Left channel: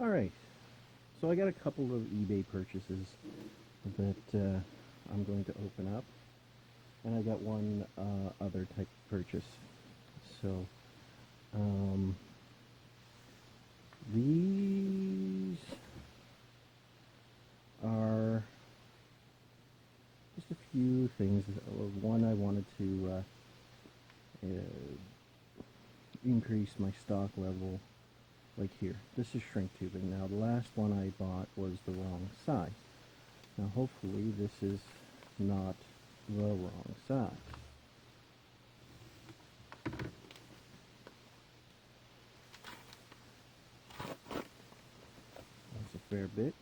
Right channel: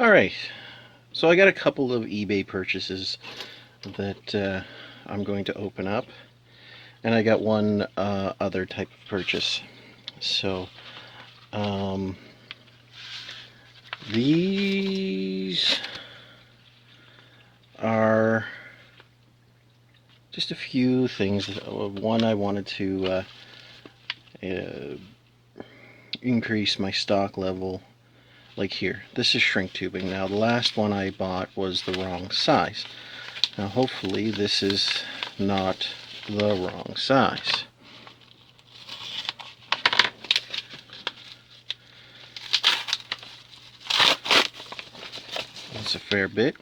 Alright, so I got a couple of eBay purchases that I'm going to open up, and I got one other type of purchase. So, these are just a few things. One, I wanted to increase my stock level. Like here, this is shrink tubing. Now the last one I bought was the wrong size. Now hopefully this is not the wrong size. That's a fair bit.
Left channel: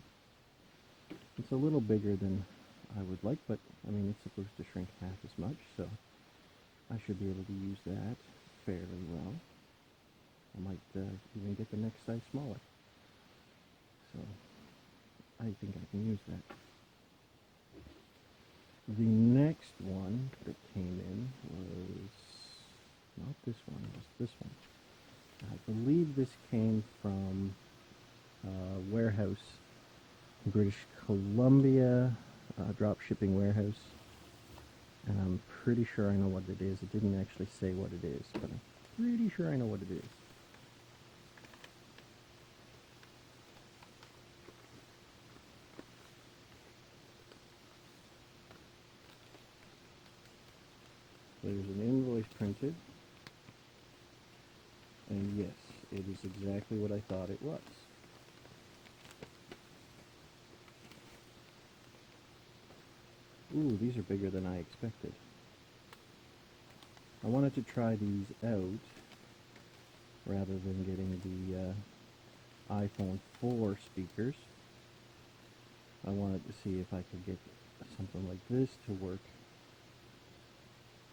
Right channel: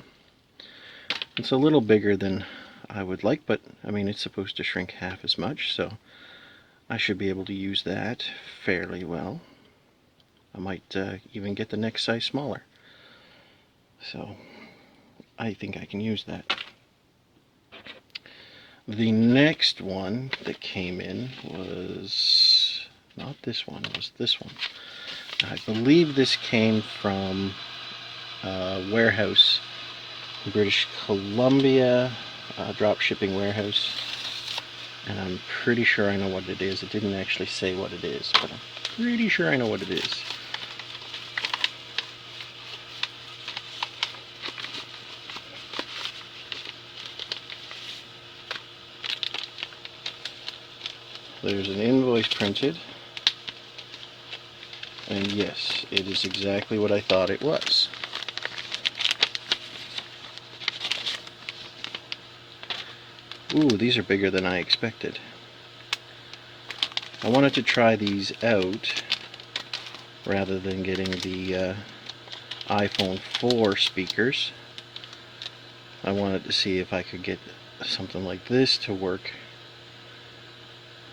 It's a little bigger than I would like, but I mean it's supposed to shrink half as much, so I should be able to use that fairly well. I might even get the next size smaller. So I think I can use that. The next one that came in was not this one, it was this one. I believe this came from a warehouse in British Columbia, drop shipping warehouse. And I'm pretty sure I know what it is. It didn't actually say what it is, but I'm pretty sure I know what it is. There's an invoice printed, and yes, it is exactly what I thought it was. Ooh, these are bigger than I expected. I wanted to try these out rather than getting the iPhone 4 speakers. I wanted to see if I could get something like this to work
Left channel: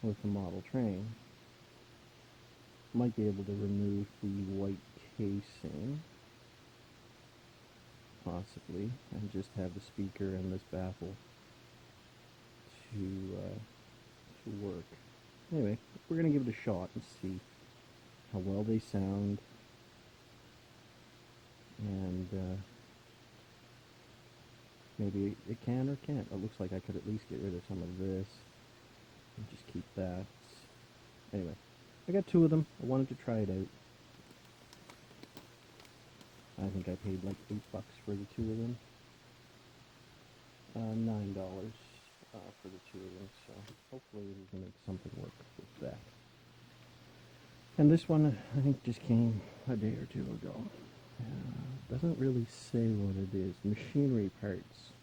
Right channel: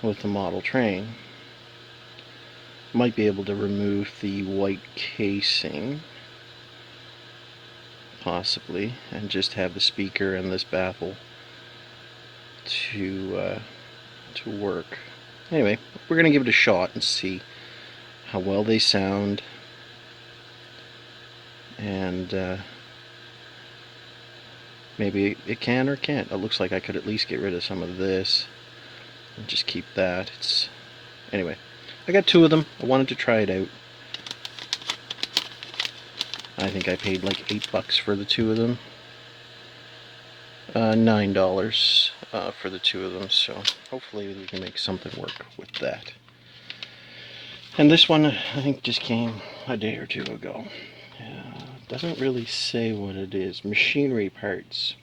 with the model train. Might be able to remove the white casing, possibly, and just have the speaker and this baffle to work. Anyway, we're gonna give it a shot and see how well they sound, and maybe it can or can't. It looks like I could at least get rid of some of this and just keep that. Anyway, I got two of them. I wanted to try it out. I think I paid like $8 for the two of them. $9 for the two of them, so hopefully we can make something work with that. And this one I think just came a day or two ago. Doesn't really say what it is. Machinery parts.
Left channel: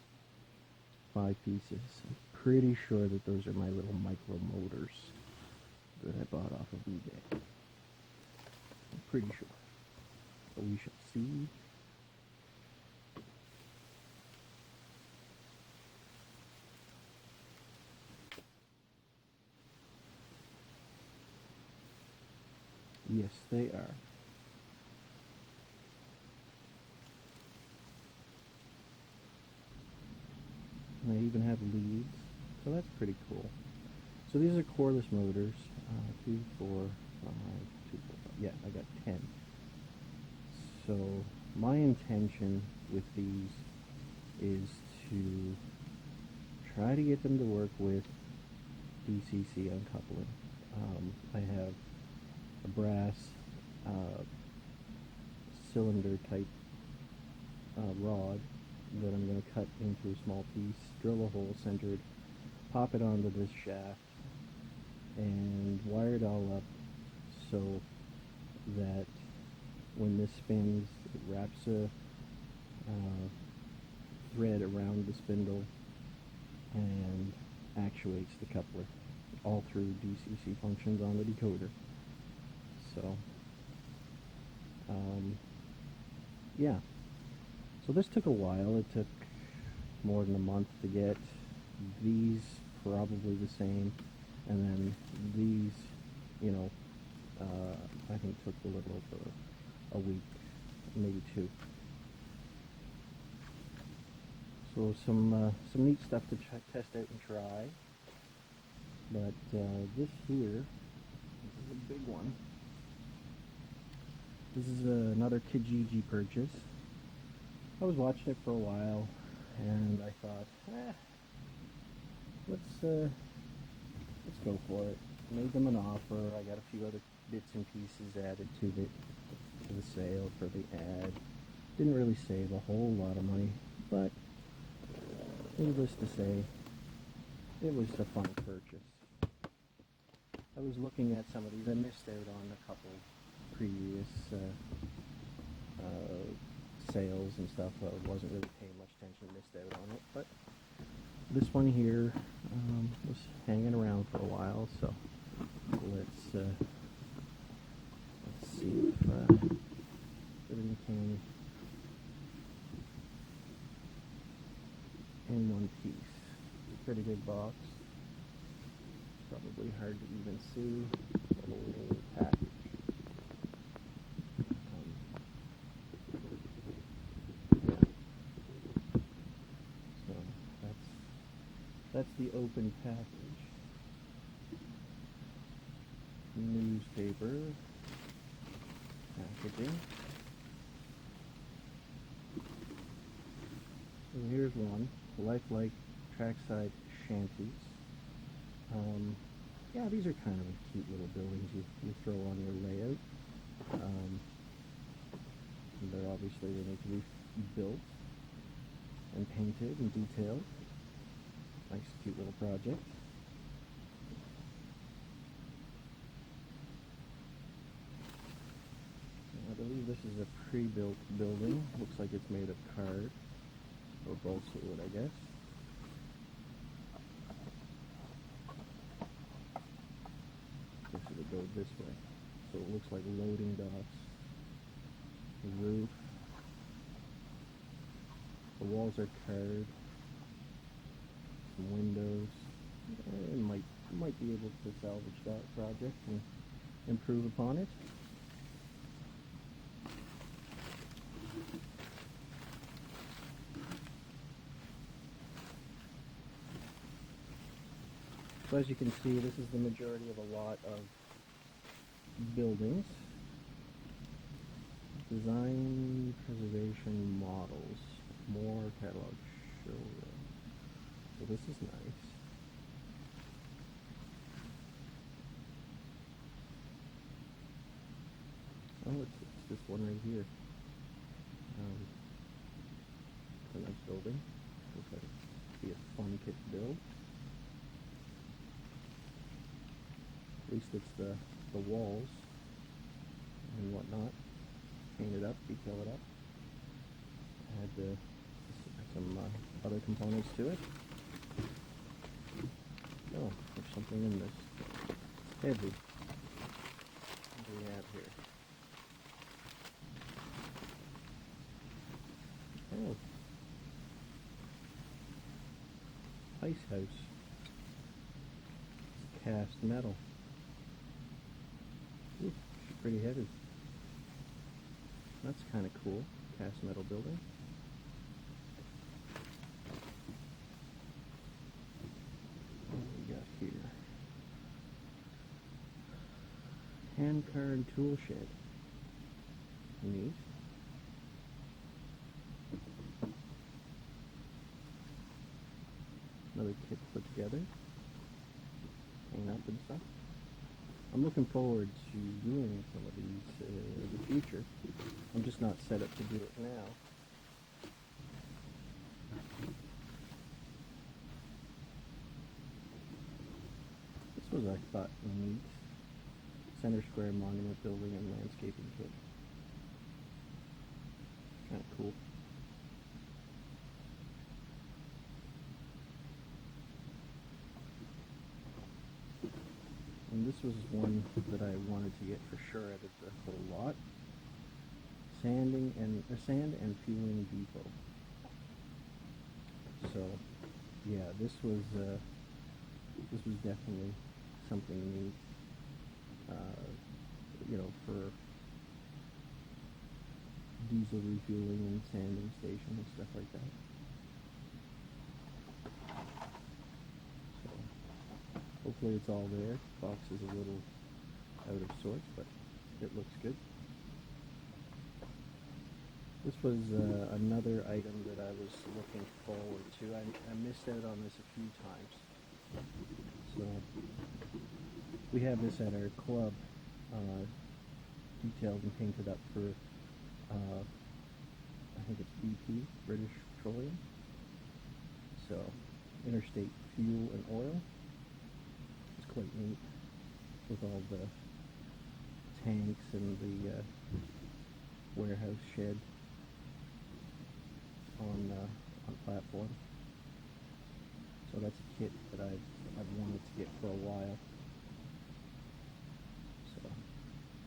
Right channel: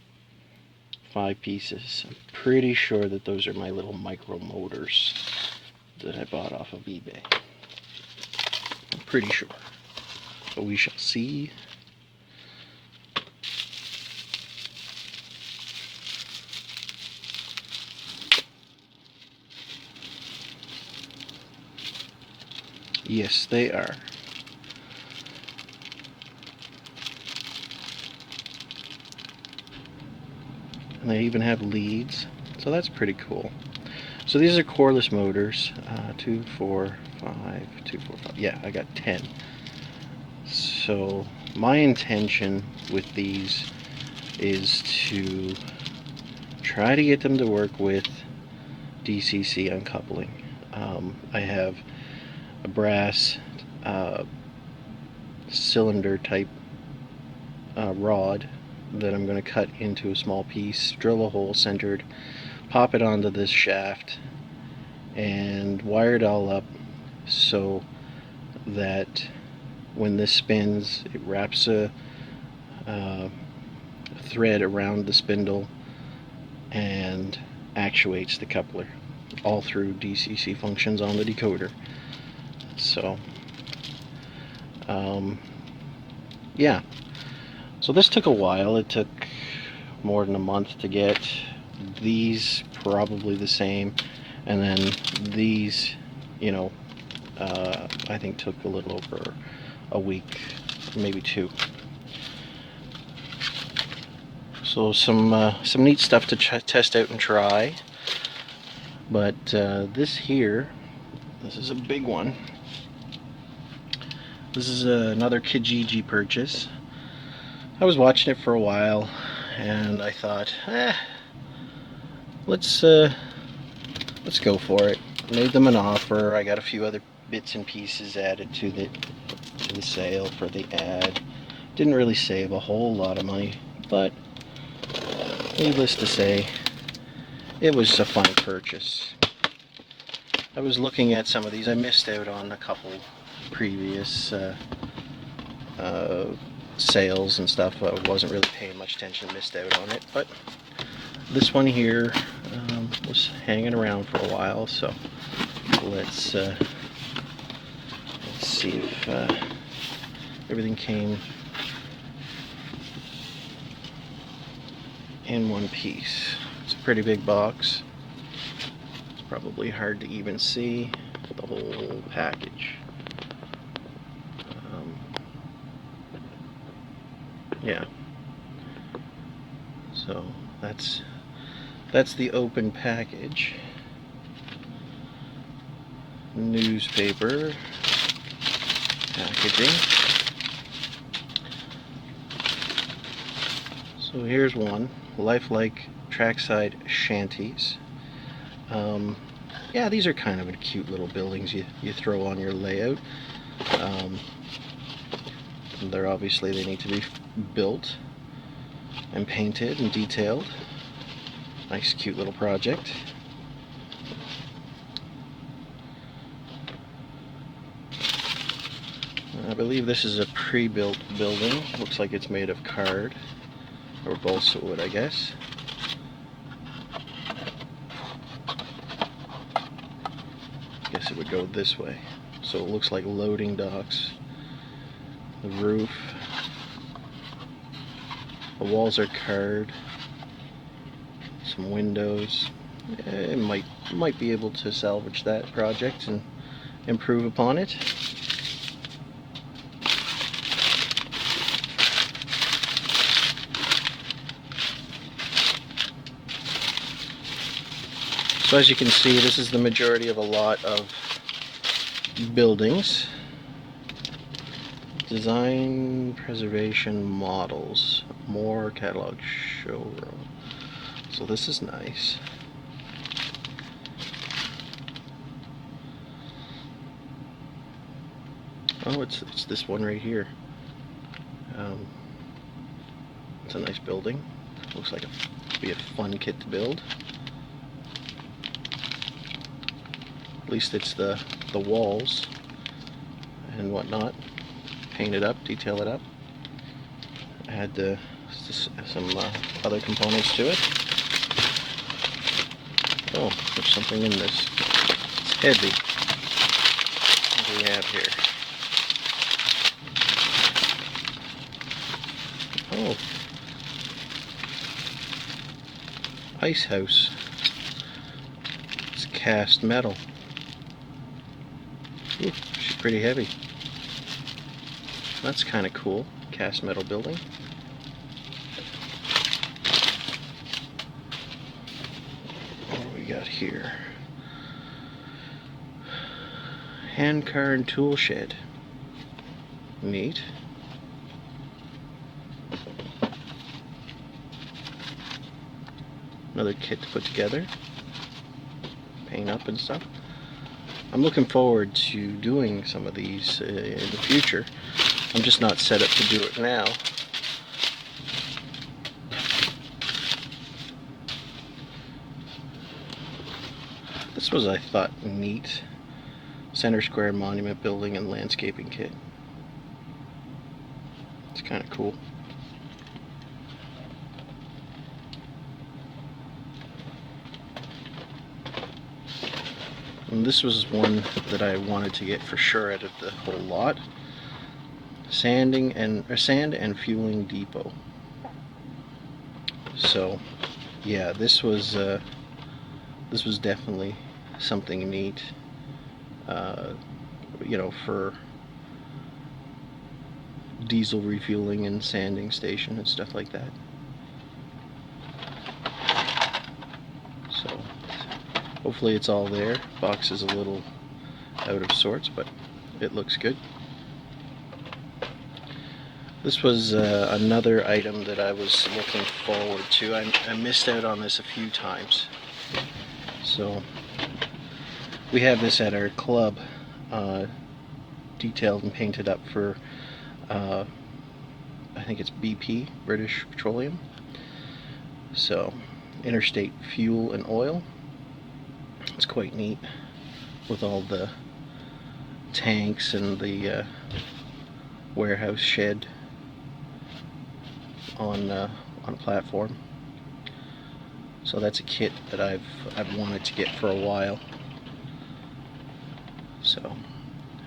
5 pieces. I'm pretty sure that those are my little micro motors that I bought off of eBay. I'm pretty sure. But we shall see. Yes, they are. And they even have leads, so that's pretty cool. So these are coreless motors. 2, 4, 5, 2, 4, 5. Yeah, I got 10. So my intention with these is to try to get them to work with DCC uncoupling. I have a brass cylinder type rod that I'm going to cut into a small piece, drill a hole centered, pop it onto this shaft, and wire it all up so that when this spins, it wraps a thread around the spindle and actuates the coupler, all through DCC functions on the decoder. So, yeah. So this took a while. It took more than a month to get. These probably the same, and then these, I think took a little over a week, maybe 2. So some neat stuff to test out and try. But this here, this is a big one. This is another Kijiji purchase. I was watching it for a while, and I thought, let's go for it. Made them an offer. I got a few other bits and pieces added to the sale for the ad. Didn't really save a whole lot of money, but needless to say, it was a fun purchase. I was looking at some of these. I missed out on a couple previous sales and stuff. I wasn't really paying much attention, missed out on it, but this one here was hanging around for a while, so let's see if everything came in one piece. It's a pretty big box. It's probably hard to even see the whole package. Yeah. So that's the open package. Newspaper packaging. So here's one, lifelike trackside shanties. Yeah, these are kind of cute little buildings you throw on your layout. They need to be built and painted and detailed. Nice cute little project. I believe this is a pre-built building. Looks like it's made of card or balsa wood, I guess. Guess it would go this way. So it looks like loading docks. The roof. The walls are card. Some windows. It might be able to salvage that project and improve upon it. So as you can see, this is the majority of a lot of buildings. Design preservation models. More catalog showroom. So this is nice. Oh, it's this one right here. It's a nice building. Looks like it'd be a fun kit to build. At least it's the walls and whatnot. Paint it up, detail it up. Add some other components to it. Oh, there's something in this. It's heavy. What do we have here? Oh. Ice house. It's cast metal. Ooh, she's pretty heavy. That's kind of cool. Cast metal building. What do we got here? Hand car and tool shed. Neat. Another kit to put together. Paint up and stuff. I'm looking forward to doing some of these in the future. I'm just not set up to do it now. This was, I thought, neat. Center Square Monument Building and Landscaping Kit. It's kind of cool. And this was one that I wanted to get for sure out of the whole lot. Sand and fueling depot. So, yeah, this was definitely something neat. You know, for diesel refueling and sanding station and stuff like that. So, hopefully it's all there. Box is a little out of sorts, but it looks good. This was another item that I was looking forward to. I missed out on this a few times. So we have this at our club, detailed and painted up for, I think it's BP, British Petroleum. So, interstate fuel and oil. It's quite neat with all the tanks and the warehouse shed on a platform. So that's a kit that I've wanted to get for a while. So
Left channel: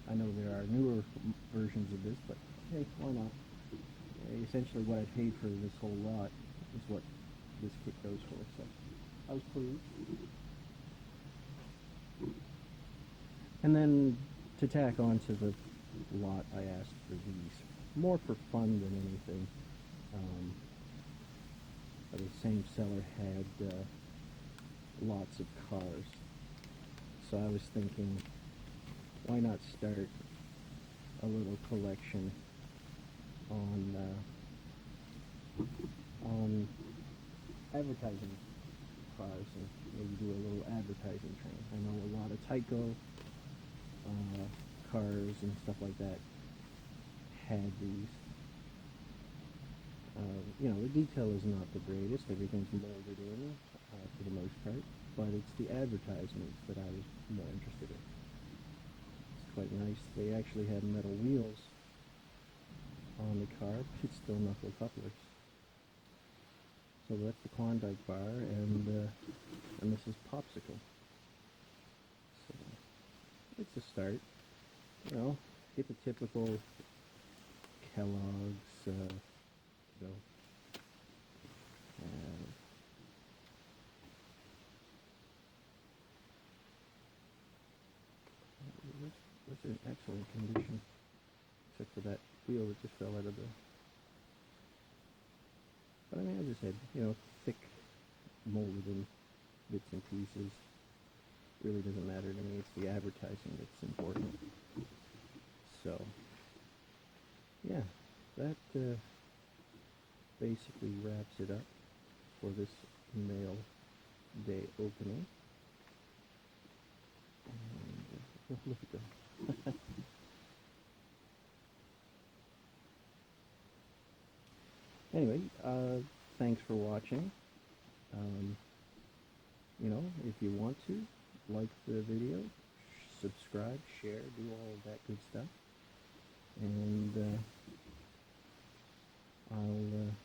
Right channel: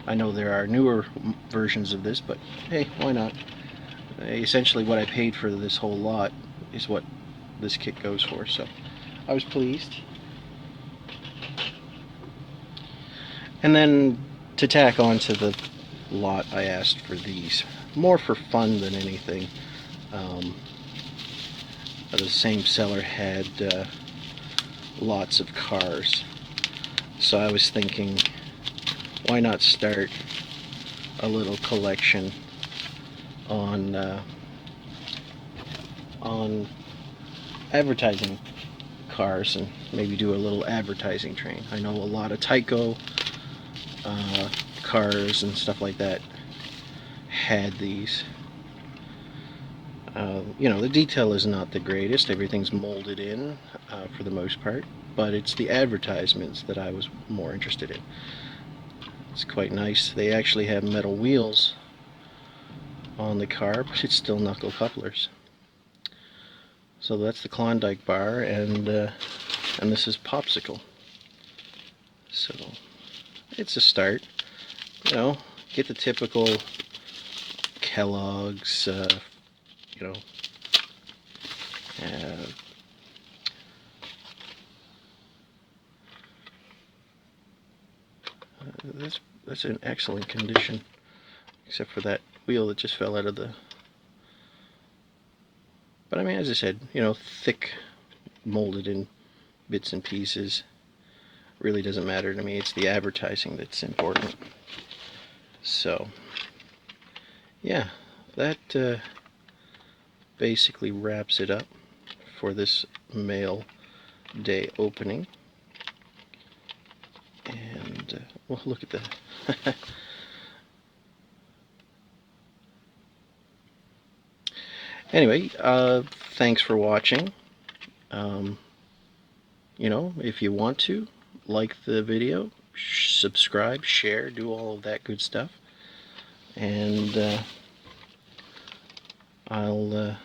I know there are newer versions of this, but hey, why not? Essentially what I paid for this whole lot is what this kit goes for, so I was pleased. And then to tack on to the lot, I asked for these, more for fun than anything. The same seller had lots of cars, so I was thinking, why not start a little collection on advertising cars, and maybe do a little advertising train. I know a lot of Tyco cars and stuff like that had these. You know, the detail is not the greatest. Everything's molded in for the most part, but it's the advertisements that I was more interested in. It's quite nice. They actually have metal wheels on the car, but it's still knuckle couplers. So that's the Klondike bar, and this is Popsicle. So it's a start. You know, get the typical Kellogg's, you know, that's in excellent condition, except for that wheel that just fell out of the. But I mean, as I said, you know, thick, molded in bits and pieces. Really doesn't matter to me. It's the advertising that's important. So, yeah, that basically wraps it up for this mail day opening. And, well, look at that. Anyway, thanks for watching. You know, if you want to, like the video, subscribe, share, do all of that good stuff. And I'll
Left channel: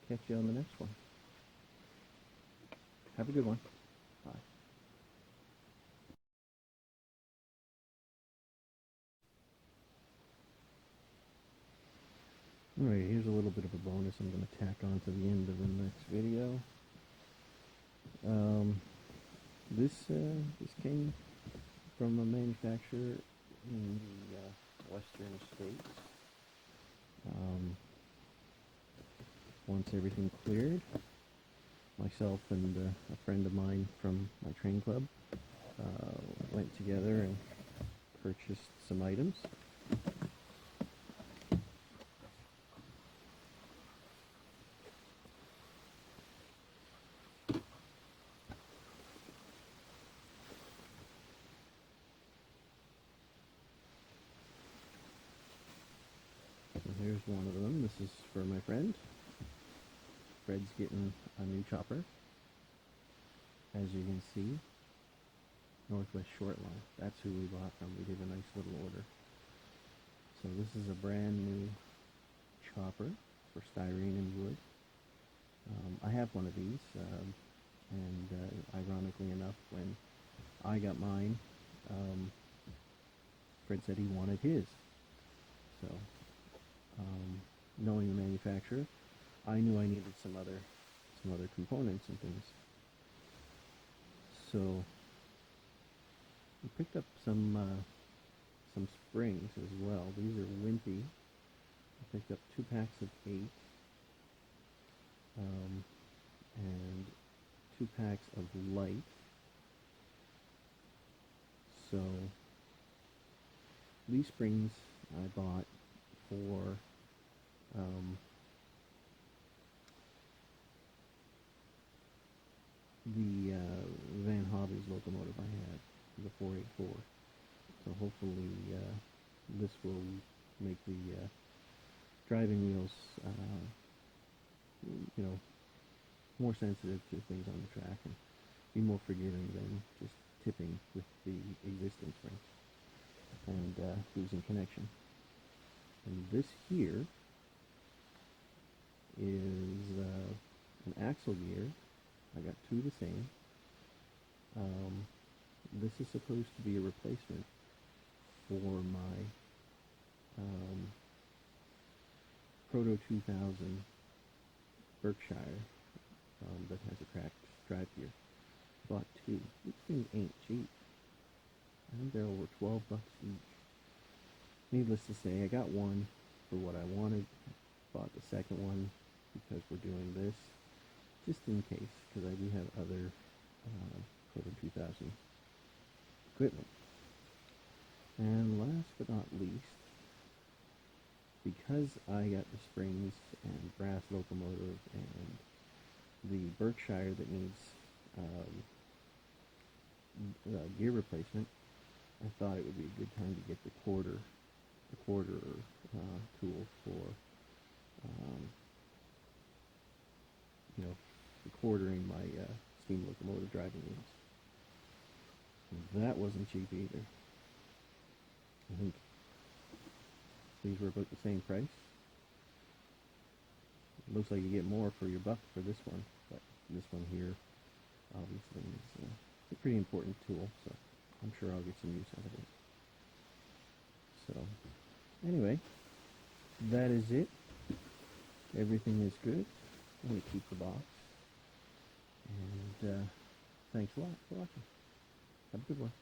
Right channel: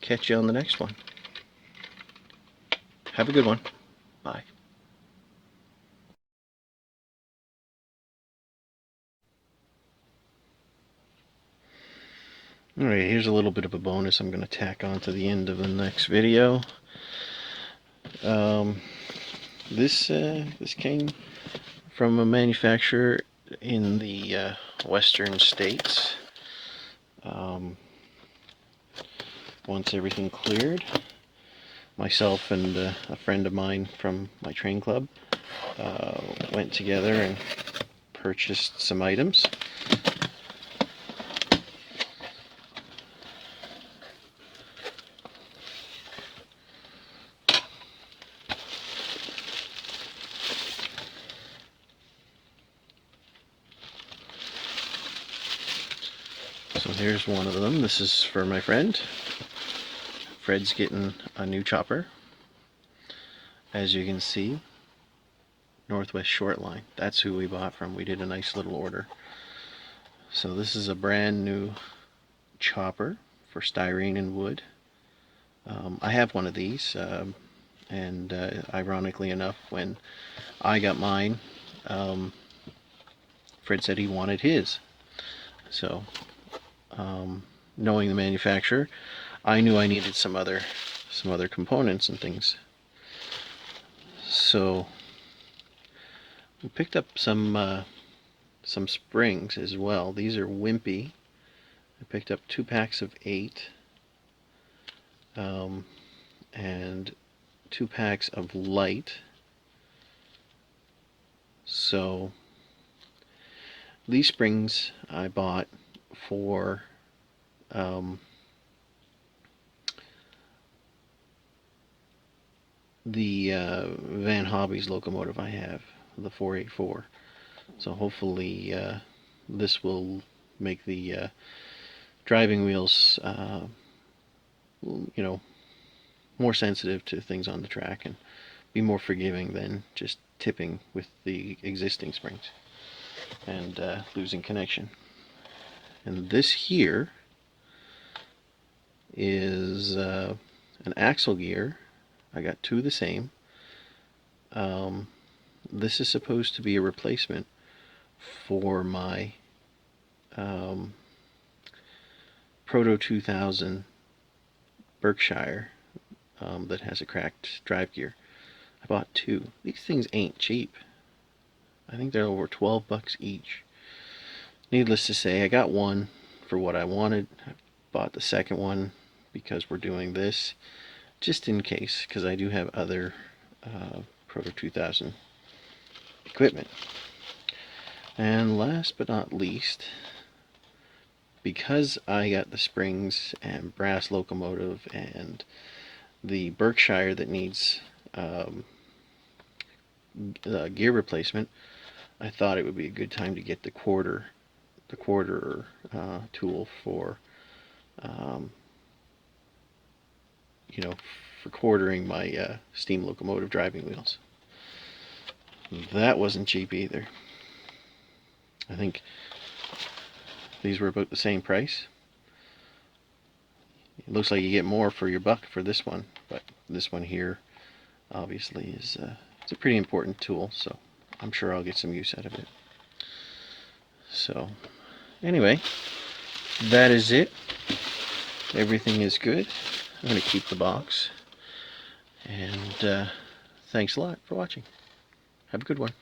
catch you on the next one. Have a good one. Bye. Alright, here's a little bit of a bonus I'm going to tack on to the end of the next video. This came from a manufacturer in the western states. Once everything cleared, myself and a friend of mine from my train club went together and purchased some items. So here's one of them. This is for my friend. Fred's getting a new chopper. As you can see, Northwest Shortline. That's who we bought from. We did a nice little order. So this is a brand new chopper for styrene and wood. I have one of these, and ironically enough, when I got mine, Fred said he wanted his. So, knowing the manufacturer, I knew I needed some other components and things. So we picked up some springs as well. These are wimpy. I picked up 2 packs of 8, and 2 packs of light. So these springs I bought for the Van Hobby's locomotive I have, the 484. So hopefully this will make the driving wheels, you know, more sensitive to things on the track and be more forgiving than just tipping with the existing springs and losing connection. And this here is an axle gear. I got two of the same. This is supposed to be a replacement for my Proto 2000 Berkshire that has a cracked drive gear. I bought two. These things ain't cheap. I think they're over 12 bucks each. Needless to say, I got one for what I wanted. I bought the second one because we're doing this, just in case, because I do have other Proto 2000 equipment. And last but not least, because I got the springs and brass locomotive and the Berkshire that needs gear replacement, I thought it would be a good time to get the quarter tool for you know, for quartering my steam locomotive driving wheels. That wasn't cheap either. I think these were about the same price. It looks like you get more for your buck for this one, but this one here obviously is it's a pretty important tool, so I'm sure I'll get some use out of it. So anyway, that is it. Everything is good. I'm going to keep the box, and thanks a lot for watching. Have a good one.